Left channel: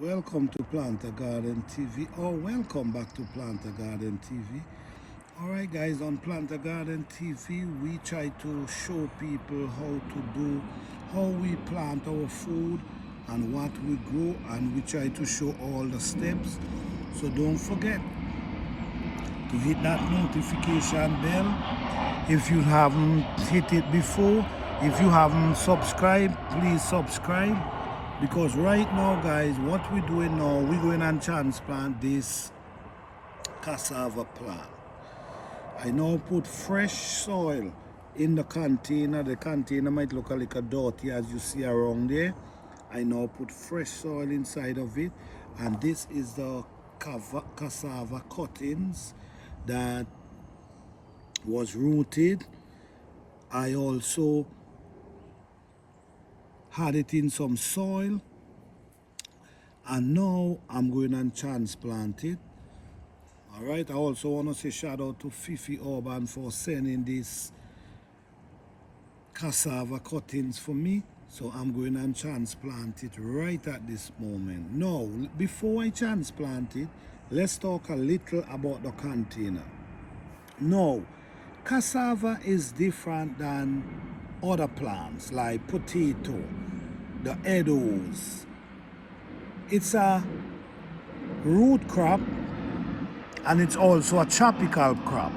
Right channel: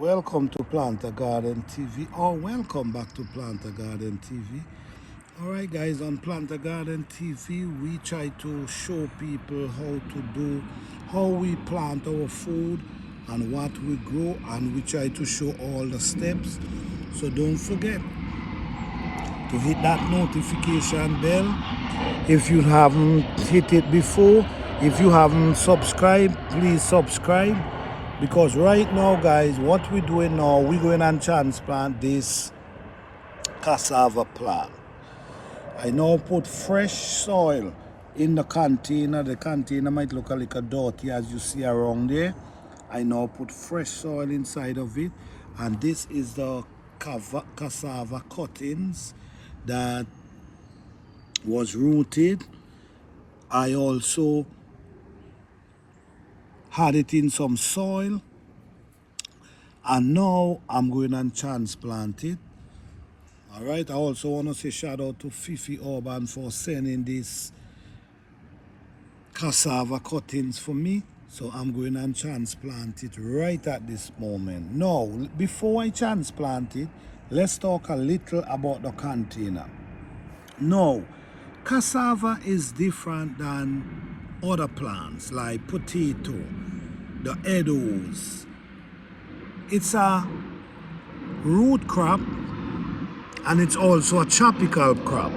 Welcome to Planter Garden TV, or welcome back to Planter Garden TV. Alright guys, on Planter Garden TV we try to show people how we plant our food and what we grow, and we try to show all the steps. So don't forget to hit that notification bell if you haven't hit it before. If you haven't subscribed, please subscribe, because right now guys, what we're doing now, we're going and transplant this cassava plant. I now put fresh soil in the container. The container might look a little dirty as you see around there. I now put fresh soil inside of it, and this is the cassava cuttings that was rooted. I also had it in some soil, and now I'm going and transplant it. All right, I also want to say shout out to Fifi Urban for sending this cassava cuttings for me. So I'm going and transplant it right at this moment. Now, before I transplant it, let's talk a little about the container. Now, cassava is different than other plants like potato, the edos. It's a root crop, and it's also a tropical crop.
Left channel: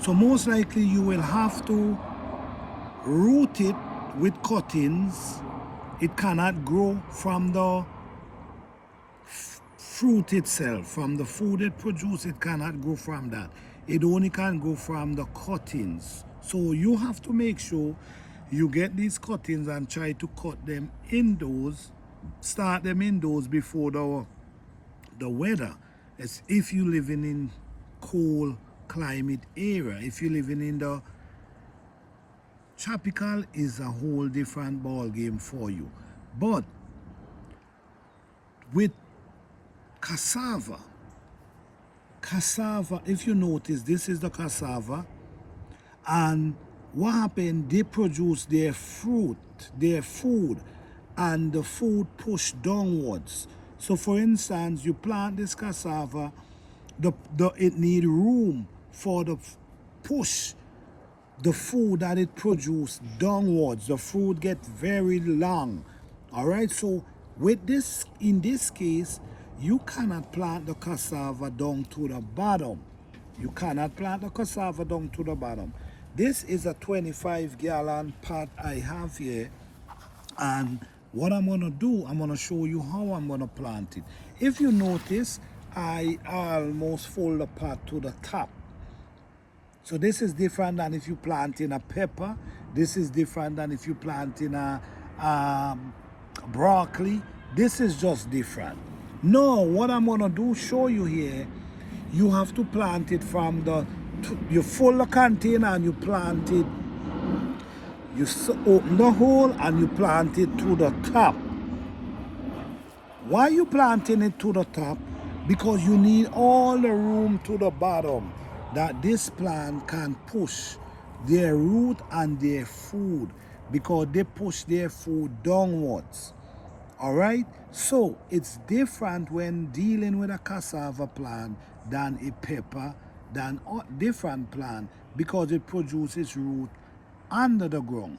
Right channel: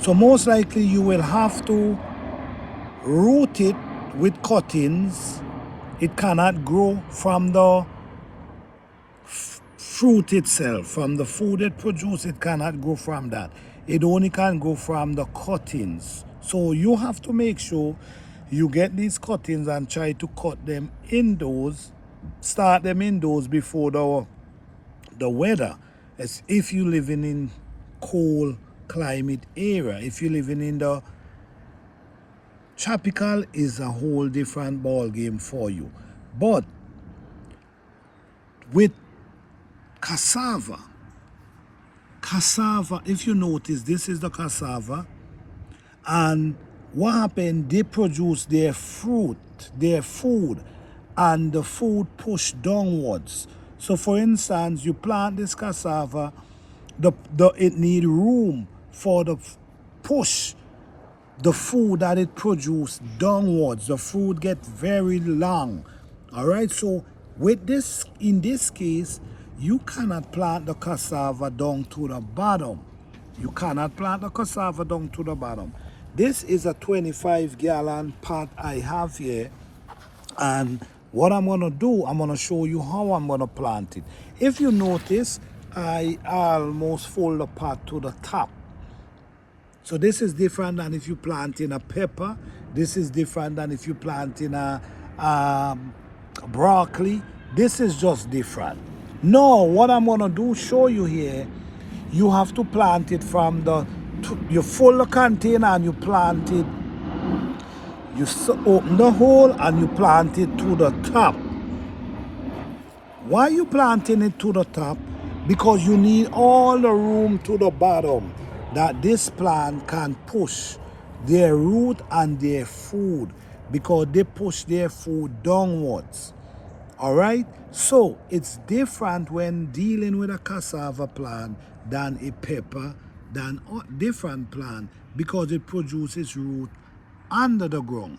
So most likely you will have to root it with cuttings. It cannot grow from the fruit itself, from the food it produces. It cannot grow from that. It only can grow from the cuttings. So you have to make sure you get these cuttings and try to cut them indoors, start them indoors before the weather. As if you're living in cold climate area. If you're living in the tropical, is a whole different ball game for you. But with cassava, if you notice, this is the cassava, and what happened, they produce their fruit, their food, and the food push downwards. So for instance, you plant this cassava, it need room for the push the food that it produce downwards. The fruit get very long. All right, so with this, in this case, you cannot plant the cassava down to the bottom. You cannot plant the cassava down to the bottom. This is a 25-gallon pot I have here, and what I'm going to do, I'm going to show you how I'm going to plant it. If you notice, I almost full the pot to the top. So this is different than if you plant in a pepper. This is different than if you plant in a broccoli. This is just different. No, what I'm going to do, show you here, you have to plant it from you fill the container and you plant it. You open the hole and you plant it to the top. Why are you planting it to the top? Because you need all the room to the bottom that this plant can push their root and their food, because they push their food downwards. All right, so it's different when dealing with a cassava plant than a pepper, than a different plant, because it produces root under the ground.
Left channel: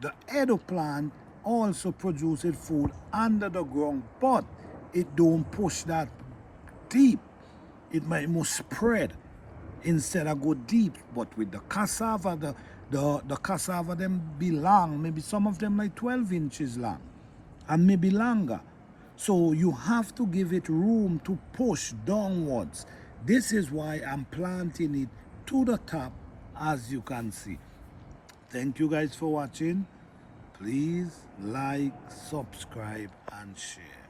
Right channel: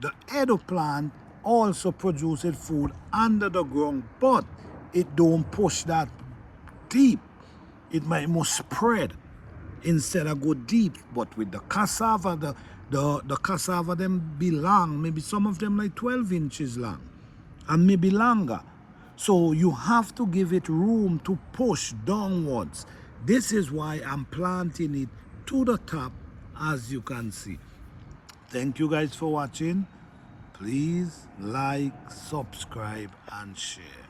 The edo plant also produces food under the ground, but it don't push that deep. It must spread instead of go deep. But with the cassava, the cassava them be long, maybe some of them like 12 inches long and maybe longer. So you have to give it room to push downwards. This is why I'm planting it to the top, as you can see. Thank you guys for watching. Please like, subscribe, and share.